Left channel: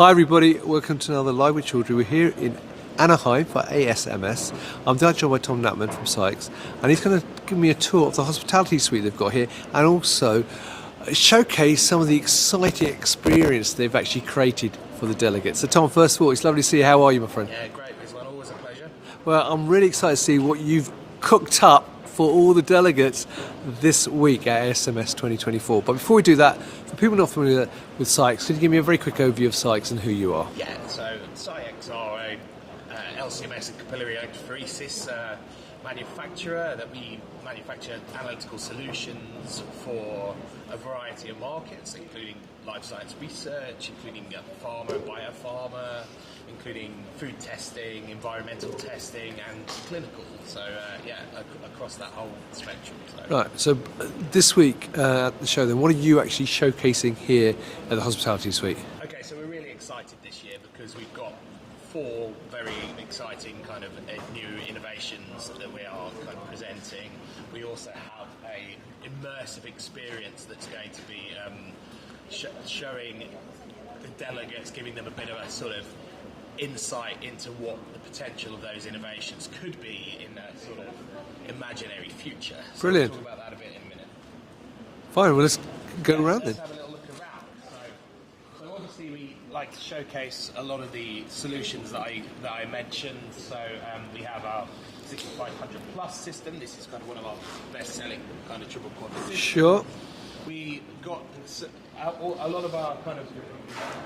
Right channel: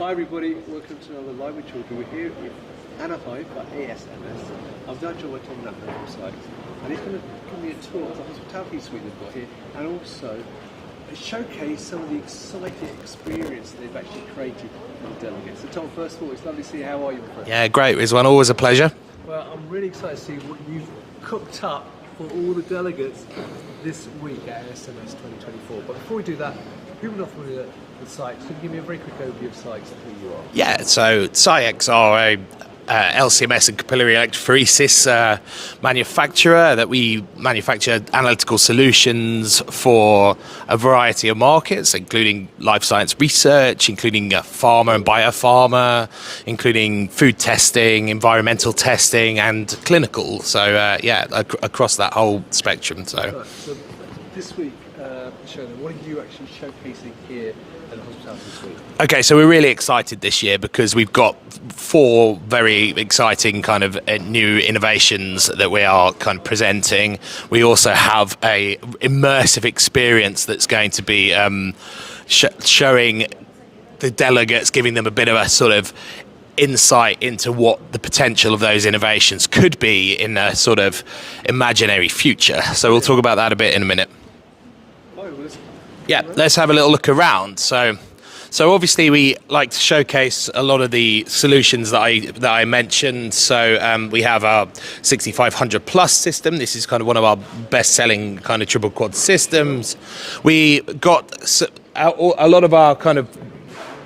Hi everybody, welcome to another Live with Children. We're here in Anaheim for ASMS. I'm joined by Tom Knapman from SCIEX, and he's going to give me a tour of the hospitality suite they've got here and also showcase some of the exciting experience they've actually created for the delegates. So Tom, first of all, it's lovely to see you. How are you, my friend? Yeah, great, Rizwan, always a pleasure. Well, I'm really excited to see what you've cooked up for all the delegates this week at ASMS 2024. But before we do that, for people not familiar with SCIEX, could you give me a very quick overview of SCIEX and who you are? Yeah, so SCIEX are a LCMS and capillary electrophoresis manufacturer that we manufacture analytical solutions for a variety of markets, including life science research, including pharma and biopharma, including food testing, environmental testing, and clinical. So yeah, across that whole spectrum. So this week at the show, then, what are you actually showcasing here at the hospitality suite? Okay, so we're really excited this year because we've got 4 very exciting kind of new innovations that we are kind of presenting. We also have a immersive experience that's going to be showing the delegates, giving them a bit of a sort of insight into what the potential of those innovations could be in a sort of imaginary future. So Brilliant. We'll talk about that a bit in a minute. Fine, well, let's go around. Let's have a little look around. So obviously we like to showcase a lot of the solutions that I mentioned. So we have our 6500 plus system. This is kind of one of our best-selling kind of triple quad systems. Sure. We got a lot of our kind of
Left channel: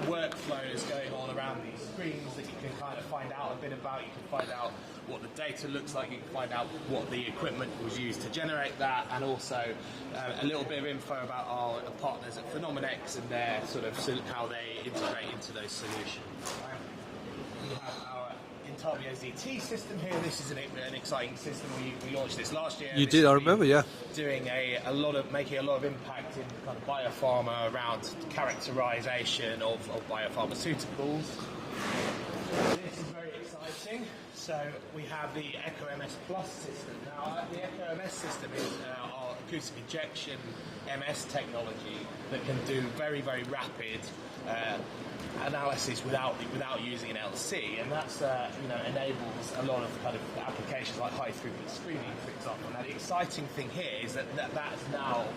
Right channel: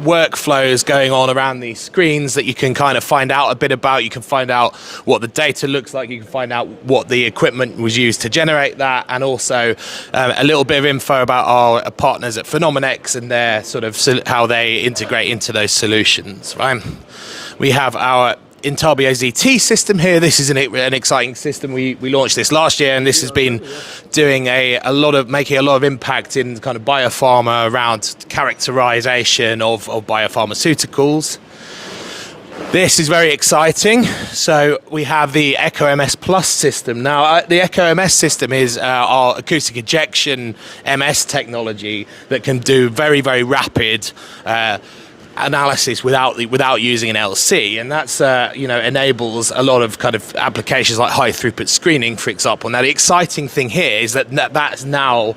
workflows going on around these screens that you can kind of find out a bit about. You can find out what the data looks like. You can find out what the equipment was used to generate that, and also a little bit of info about our partners at Phenomenex and their sort of how they integrate into those solutions. Right? We have our Intabio ZT system here. This is an exciting system. We launched this last year, and this has been doing making a lot of impact in kind of biopharma around characterization of biopharmaceuticals. This is very exciting. So we have the Echo MS Plus system. Now, the Echo MS system is our acoustic ejection MS technology that can do very, very rapid analysis without using an LC, and that's enables a lot of kind of applications like high throughput screening, for example. Now the exciting thing here is that that's now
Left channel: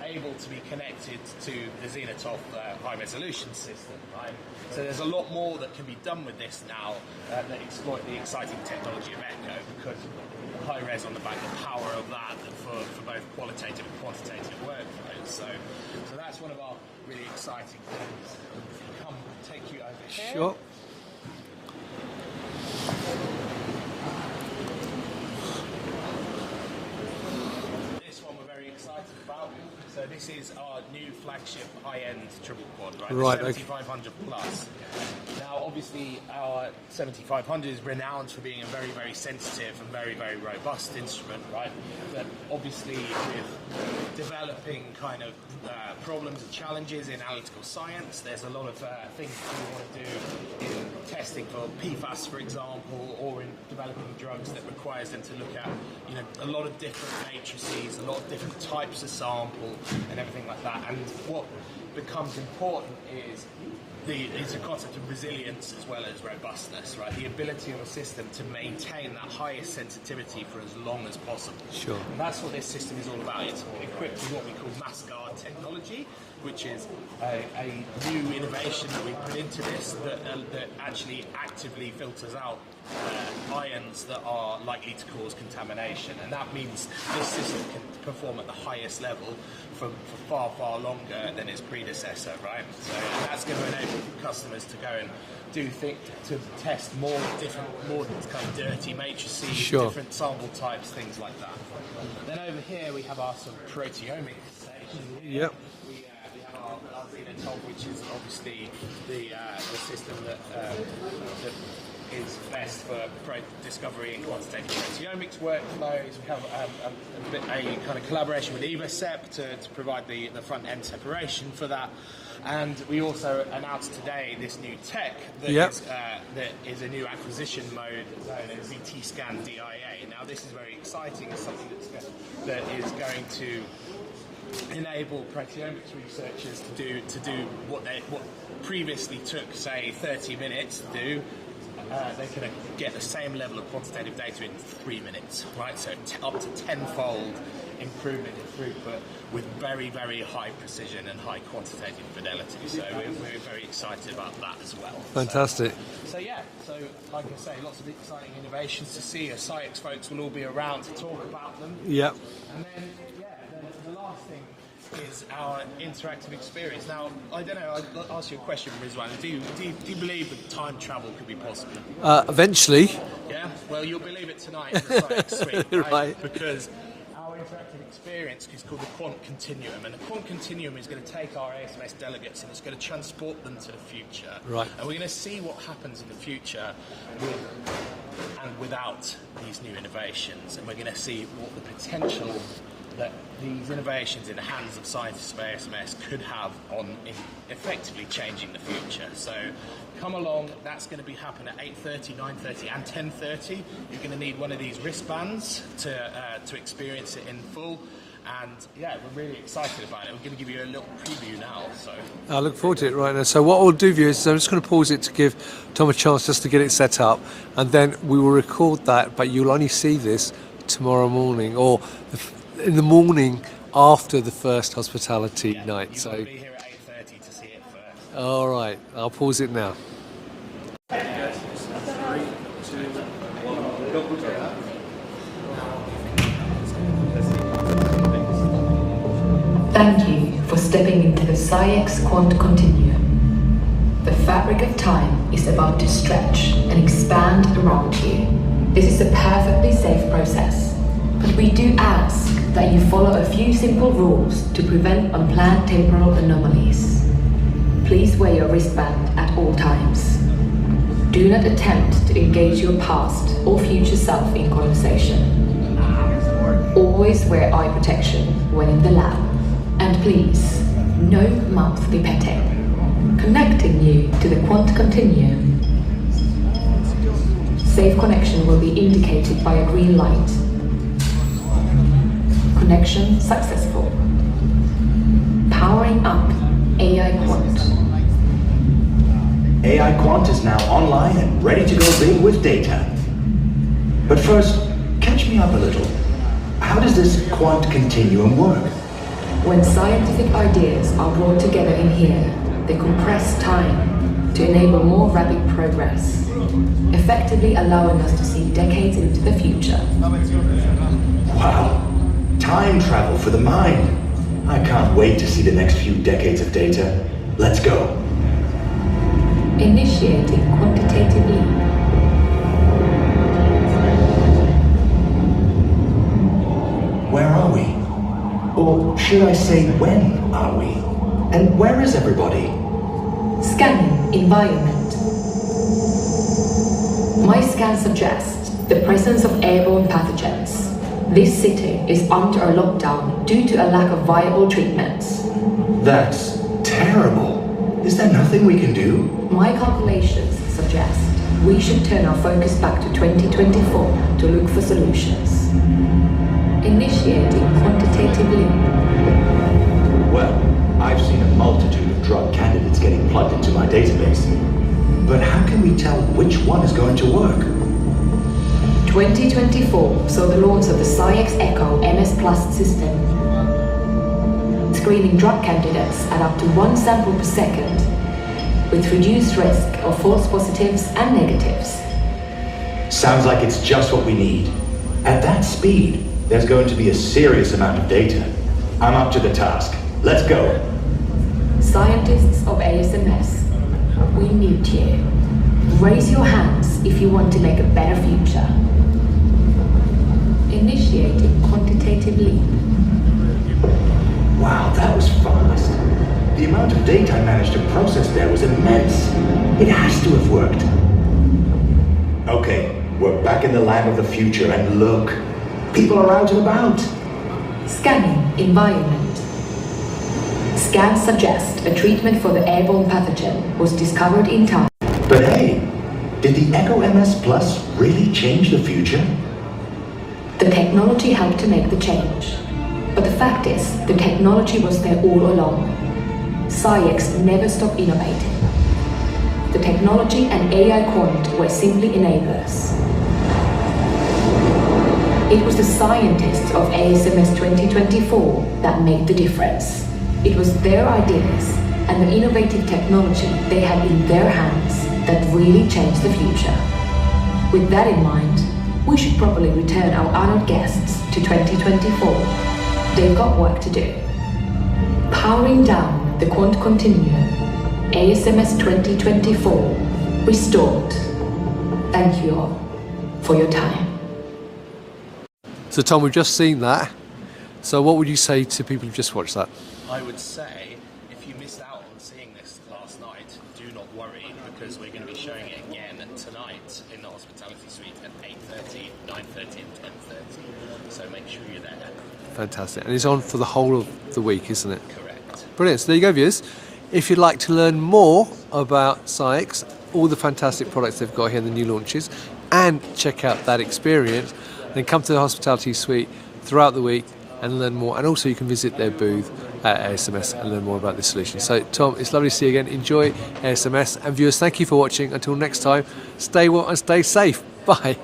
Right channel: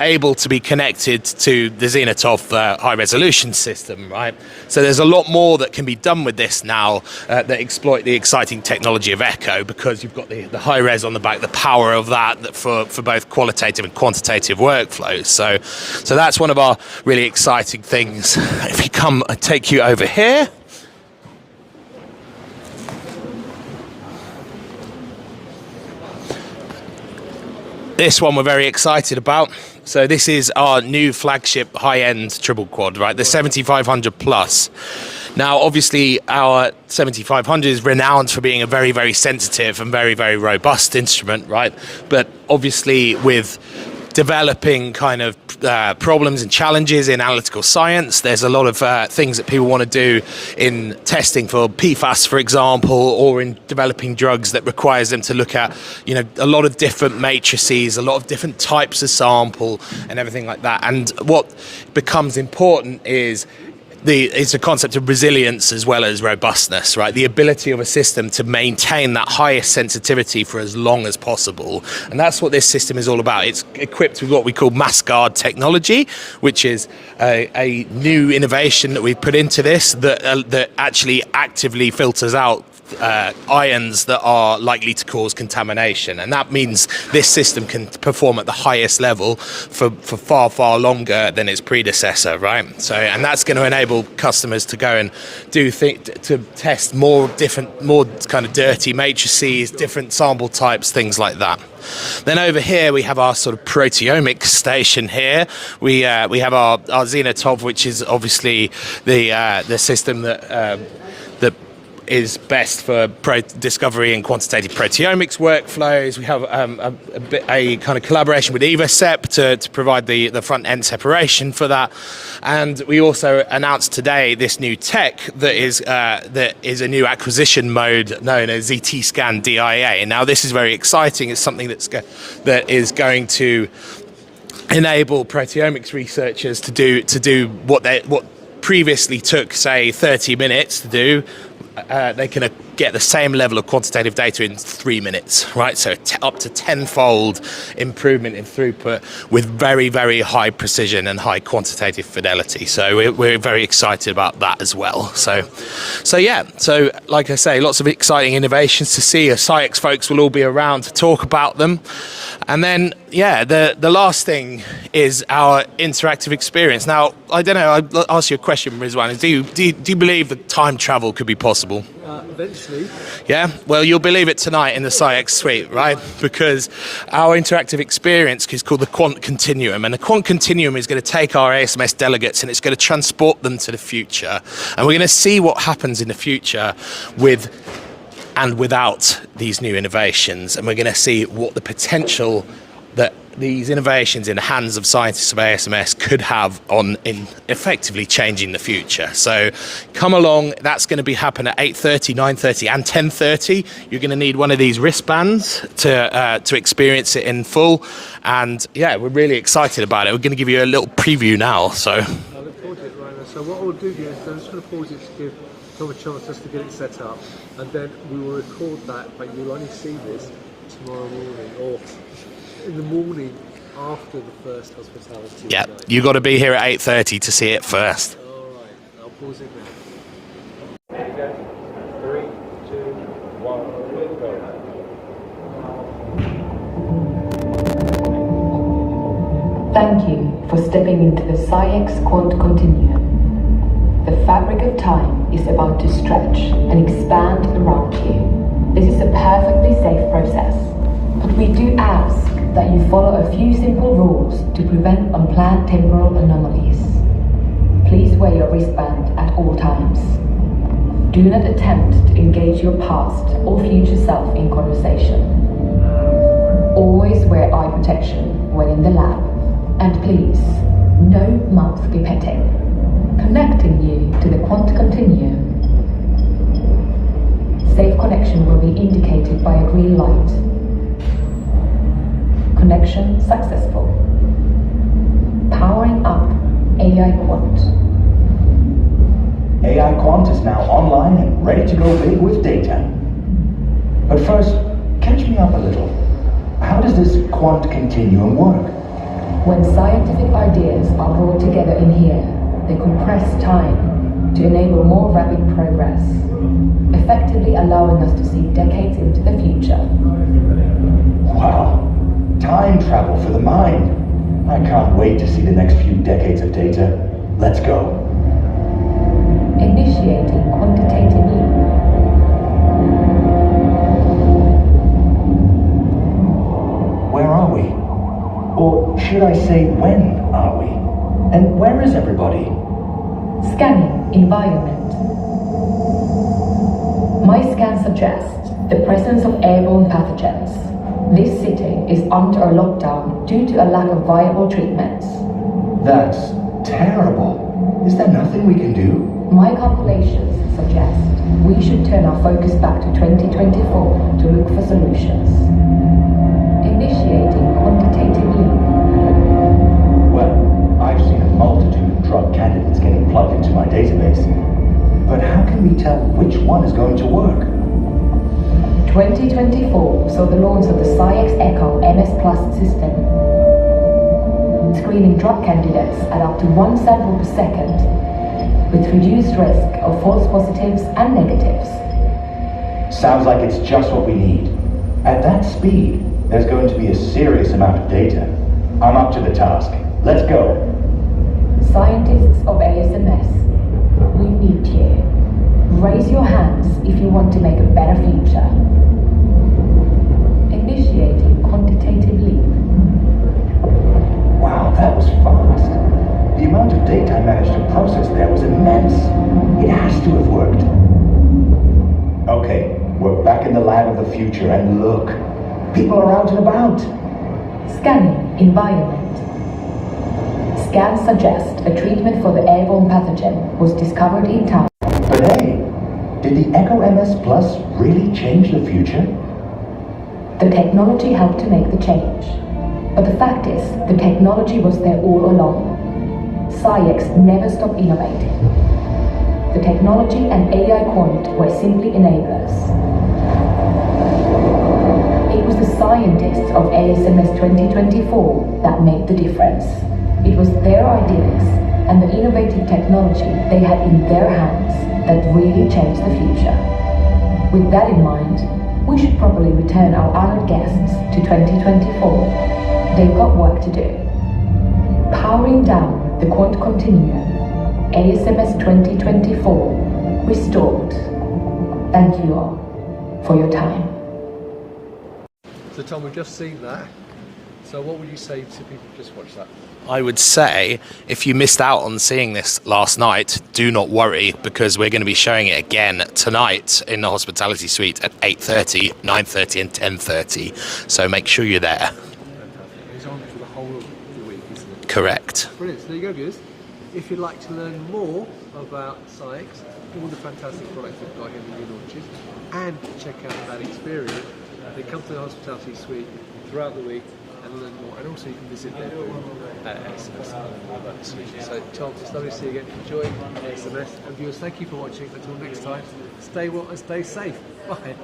able to be connected to the Zenitov high resolution system, right? So there's a lot more that can be done with this now that exploit the exciting technology of Echo, because you've got the high res on the back, the power of that for both qualitative and quantitative workflows. So that's one of our really exciting things. If you come, I take you over here. This one we're very excited about. So this is our new flagship high-end triple quad, right? The 7500 plus. Now, obviously, our 7500 is renowned for being a very, very sensitive and very, very robust instrument, right? But obviously, with developing kind of problems and challenges in analytical science, there's a lot of things that people want to do in testing for PFAS, for example, or in developing drugs that requires them to look at, a lot of different matrices, a lot of different types of sample and everything like that. And what becomes important is it's a concept of resilience as well as robustness, right? The ability of a system to maintain that highest sensitivity for as long as possible. And that's what this system is all about. It's equipped with what we call mass guard technology, which is a new innovation that we've put into this that actually actively filters out ions that are likely to cause contamination, and that means this system can perform at the highest level for far, far longer than its predecessor, right? So, and that's going to enable customers to go and to test more kind of dirty matrices, different sample types, things like that. Then over here we have our sort of proteomics station here. Yep. We have our Zenitov, which is obviously the system that is best for discovery and quantitative proteomics workflows. We have a kind of collaboration with EvoSep to provide the front-end separation for that. And we also announced today this new tech that is a new acquisition mode known as ZT-Scan DIA. Now, this is very exciting. It's something that is going to enable proteomics researchers to do what previously took, say, 30 minutes to do, they can get the same level of quantitative data in 3 minutes, right? So up to tenfold improvement in throughput with very, very high precision and high quantitative fidelity. So we're very excited about that as well. Fantastic. So like I say, lots of exciting innovations to see. SCIEX folks will all be around to talk about them. Yep. And then, the last thing is our interactive experience. Now, I don't know, I'll ask you a question, Rizwan. Do you believe that time travel could be possible? Eventually. Yeah? Well, you'll believe it tonight in the SCIEX suite, right? Right. Because our interactive experience is called the quant continuum. And the quant continuum is going to take our ASMS delegates and it's going to transport them to the future. Right. And we're going to see what happens in the future with and without these new innovations. And we're going to see what the potential that these innovations in the hands of scientists of ASMS could have in effectively changing the future. So come along, that's going to be happening at 8:30, 9:30 and 10:30. You're going to need one of these wristbands to experience it in full. And yeah, we're really excited about it. We're going to give you a little preview now. So I look forward to it right now. So what we'll do, viewers, is I'm just going to pause it to give Tom a chance just to get it set up, and then we will record that, but you'll only see this tomorrow morning or in the morning after the first hospitality night. You've got to be here at 8:30 to see it first. All right, I'll pause it now. 3, 2, 1, go. Thank you for stepping into the SCIEX Quant Continuum. The fabric of time is about to stretch and expand around you. This is a perfectly safe process, but we do ask that you follow a few simple rules to prevent unplanned temporal anomalies. Please wear your wristband at all times. Do not attempt to engage your past or future self in conversation. Always wear eye protection when in the lab. And please, no mouth pipetting. Connecting you to the quant continuum. Safe connection will be indicated by a green light. Connection successful. Powering up AI Quant. AI Quant is now online and ready to go big with data. But first, catch me up a little. How does this quant continuum work? When scientific ideas are brought together in here, they compress time to enable more rapid progress, effectively allowing us to see decades into the future. Wow, time travel for the mind. I can't wait to see the next few decades of data. Let's go. Initiating quantitative leap. Where are we? Or should I say, when are we? And where is everybody? Scanning environment. My scan suggests the presence of airborne pathogens. This city is under a lockdown due to a lack of viable treatments. That's terrible. Is there nothing we can do? My calculations suggest we should turn our focus back to 2024 to look for solutions. Initiating quantitative leap. Well, I've seen a multitude of drug candidates getting plugged into my database. But how can we tell which one is going to work? 2024 saw the launch of the SCIEX Echo MS Plus system, screening drug candidates at up to 1 sample per second, with reduced risk of false positives and negatives. Sounds like it's just what we need. At that speed, there's going to be a serious amount of data. I'm up to the task. Let's go. Scientists of ASMS, we need you. Raise your hands if you want to make a better future. Initiating quantitative leap. Wow, that was fast. The amount of data I managed to process there was immense. It has to have worked. Okay, we're back in the lab of the future, and look, people are out and about. Scanning environment. Scans suggest a treatment for the airborne pathogen was discovered in time. But hey, did the Echo MS Plus really change the future? The technology helped to make the change. But the fact is, the technology was there all along. SCIEX never stopped innovating. The technology and AI quant were simply enablers. It was the scientists of ASMS 2024 that made the difference. It was their ideas and the innovative technology they had in their hands that really changed the future. With that in mind, we should probably return our honored guests to 2024. They've got work to do. Powering down the quant continuum, ASMS 2024 restored. Thank you all for your time. So Tom, we've just seen that. So what would you say to people who've just watched that? I would say if you missed out on seeing this last night, do not worry, because we're going to be showing it again tonight in the hospitality suite at 8:30, 9:30 and 10:30. So make sure you're there. Fantastic. And it's on for the whole of the week, isn't it? Correct. Brilliant. So there you go, viewers. If you'd like to learn more about SCIEX, all the fantastic products they've got here, the new launches, and check out that experience, then come to the hospitality suite throughout the week and learn more. And also you can visit their booth at ASMS and learn more about the solution. So Tom, it's lovely to see you again. Enjoy ASMS. And viewers, thank you for watching. Until next time, stay well and stay safe. Bye.